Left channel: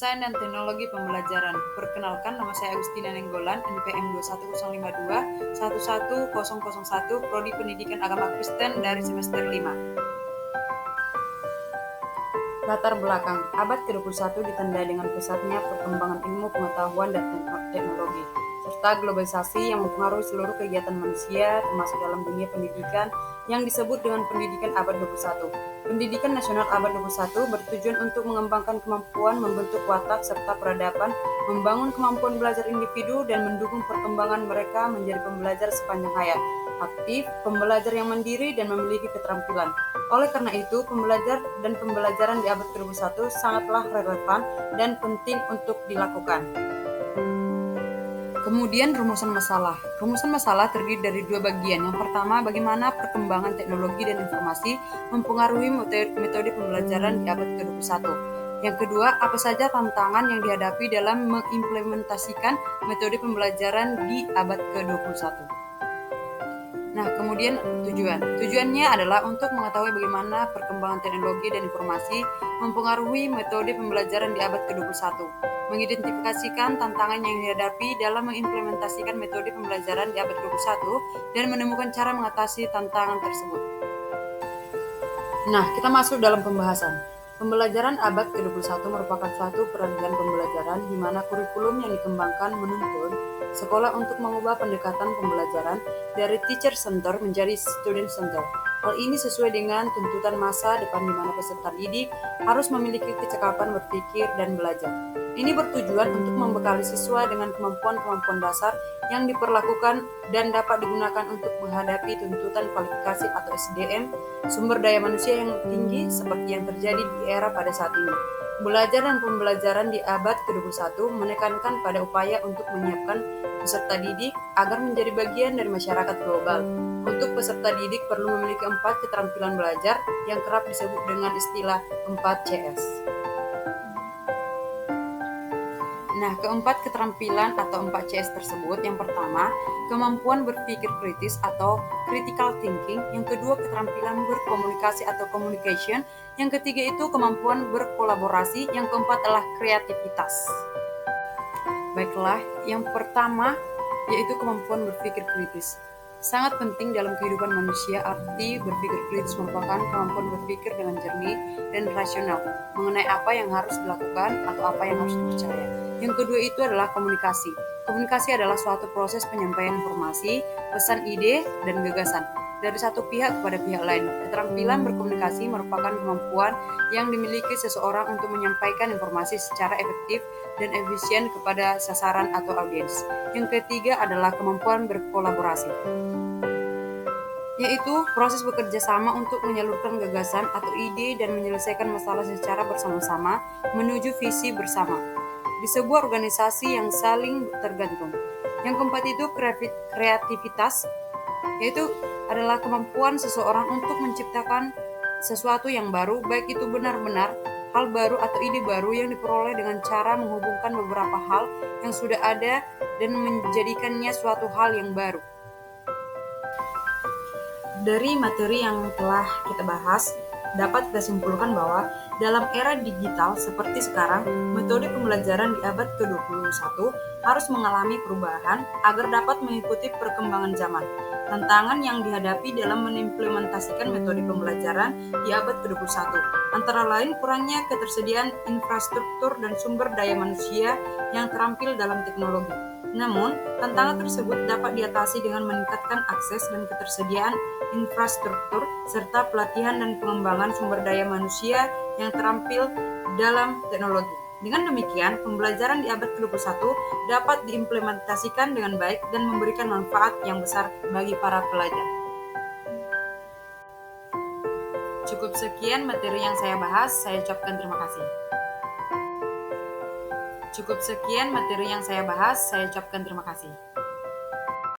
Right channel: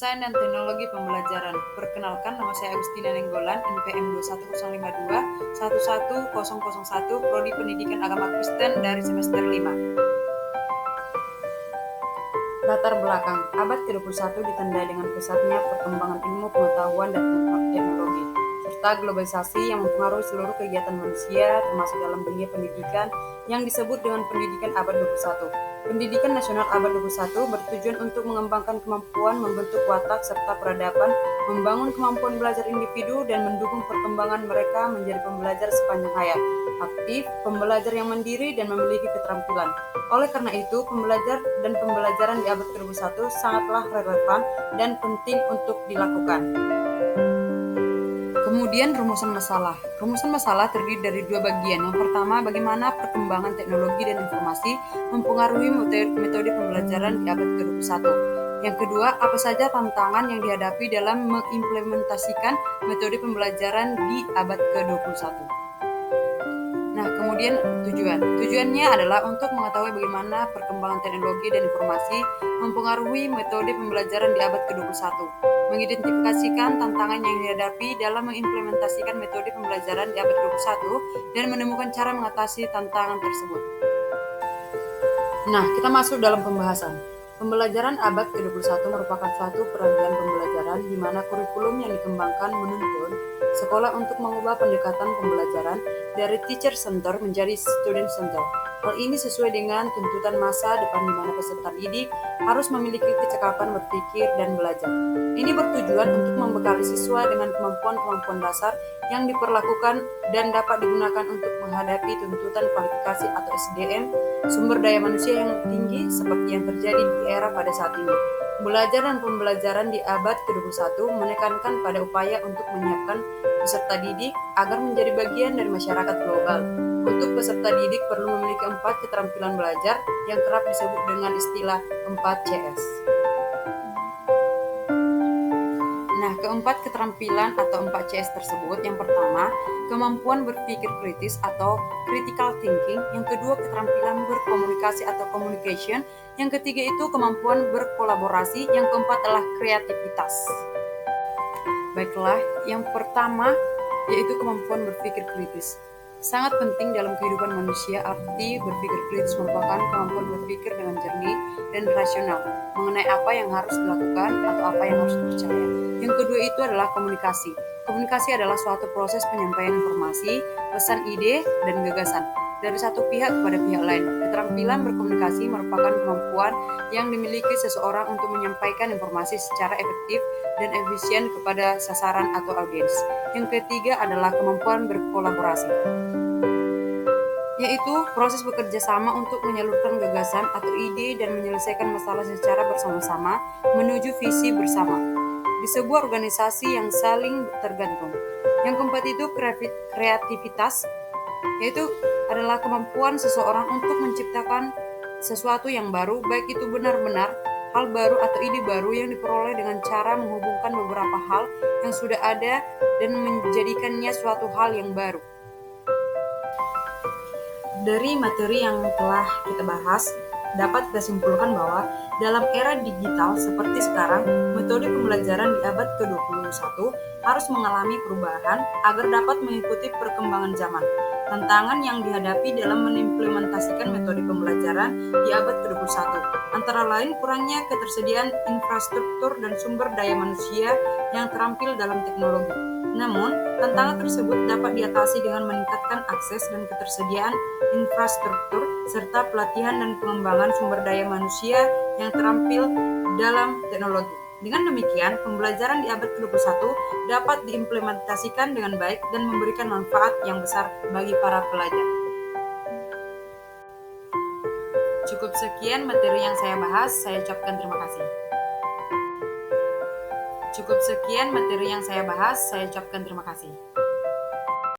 Desain dan Teknologi Pembelajaran. Perkenalkan, nama saya Agustina Nenggolan, NPM 21052 11001, Prodi Pendidikan Agama Kristen dari semester 5. Latar belakang, abad ke-21 ditandai dengan pesatnya perkembangan ilmu pengetahuan dan teknologi, serta globalisasi yang mempengaruhi seluruh kegiatan manusia, termasuk dalam dunia pendidikan yang disebut dengan pendidikan abad 21. Pendidikan nasional abad 21 bertujuan untuk mengembangkan kemampuan membentuk watak serta peradaban, membangun kemampuan belajar individu, dan mendukung perkembangan mereka menjadi pembelajar sepanjang hayat, aktif, pembelajar yang mandiri, dan memiliki keterampilan. Oleh karena itu, pembelajar dan pembelajaran di abad ke-21 sangatlah relevan dan penting untuk dilakukan. Kemudian rumusan masalah. Rumusan masalah terdiri dari dua bagian. Yang pertama, bagaimana perkembangan teknologi dan informasi mempengaruhi metode pembelajaran di abad ke-21. Yang kedua, apa saja tantangan yang dihadapi dalam mengimplementasikan metode pembelajaran di abad ke-21. Nah, kemudian tujuan. Tujuannya adalah untuk mengetahui bagaimana perkembangan teknologi dan informasi mempengaruhi metode pembelajaran di abad ke-21. Mengidentifikasikan tantangan yang dihadapi dalam mengimplementasikan metode pembelajaran di abad ke-21 dan menemukan cara mengatasi tantangan tersebut. Nah, kita masuk dalam pembahasan. Pembelajaran abad ke-21 merupakan suatu peragian pembelajaran di mana kurikulum yang dikembangkan menuntun sekolah untuk mengubah pendekatan pembelajaran dari teacher center menjadi student center. Hal ini sesuai dengan tuntutan masa depan di mana peserta didik harus memiliki kecakapan berpikir dan belajar. Ini bertujuan untuk membekali siswa dengan kemampuan-kemampuan dasar yang diperlakukan dan dapat digunakan untuk menghadapi tuntutan kualifikasi atau SDM, sumber daya manusia yang tinggi seperti yang terjadi di era pada saat ini. Belajar dan pembelajaran di abad ke-21 menekankan pada upaya untuk menyiapkan peserta didik agar menjadi bagian dari masyarakat global. Untuk peserta didik perlu memiliki 4 keterampilan belajar yang kerap disebut dengan istilah 4CS. Nah, keempat keterampilan atau 4CS tersebut, yang pertama, kemampuan berpikir kritis atau critical thinking, yang kedua, keterampilan berkomunikasi atau communication, yang ketiga itu kemampuan berkolaborasi, yang keempat adalah kreativitas. Baiklah, yang pertama yaitu kemampuan berpikir kritis. Sangat penting dalam kehidupan manusia. Arti berpikir kritis merupakan kemampuan berpikir dengan jernih dan rasional mengenai apa yang harus dilakukan atau apa yang harus dipercaya. Yang kedua itu adalah komunikasi. Komunikasi adalah suatu proses penyampaian informasi, pesan, ide, dan gagasan dari satu pihak kepada pihak lain. Keterampilan berkomunikasi merupakan kemampuan yang dimiliki seseorang untuk menyampaikan informasi secara efektif dan efisien kepada sasaran atau audiens. Yang ketiga adalah kemampuan berkolaborasi, yaitu proses bekerja sama untuk menyalurkan gagasan atau ide dan menyelesaikan masalah secara bersama-sama menuju visi bersama di sebuah organisasi yang saling tergantung. Yang keempat itu kreativitas, yaitu adalah kemampuan seseorang untuk menciptakan sesuatu yang baru, baik itu benar-benar hal baru atau ide baru yang diperoleh dengan cara menghubungkan beberapa hal yang sudah ada dan menjadikannya suatu hal yang baru. Dari materi yang telah kita bahas, dapat kita simpulkan bahwa dalam era digital seperti sekarang, metode pembelajaran di abad ke-21 harus mengalami perubahan agar dapat mengikuti perkembangan zaman. Tantangan yang dihadapi dalam mengimplementasikan metode pembelajaran di abad ke-21 antara lain kurangnya ketersediaan infrastruktur dan sumber daya manusia yang terampil dalam teknologi. Namun, tantangan tersebut dapat diatasi dengan meningkatkan akses dan ketersediaan infrastruktur serta pelatihan dan pengembangan sumber daya manusia yang terampil dalam teknologi. Dengan demikian, pembelajaran di abad ke-21 dapat diimplementasikan dengan baik dan memberikan manfaat yang besar bagi para pelajar. Cukup sekian materi yang saya bahas, saya ucapkan terima kasih. Cukup sekian materi yang saya bahas, saya ucapkan terima kasih.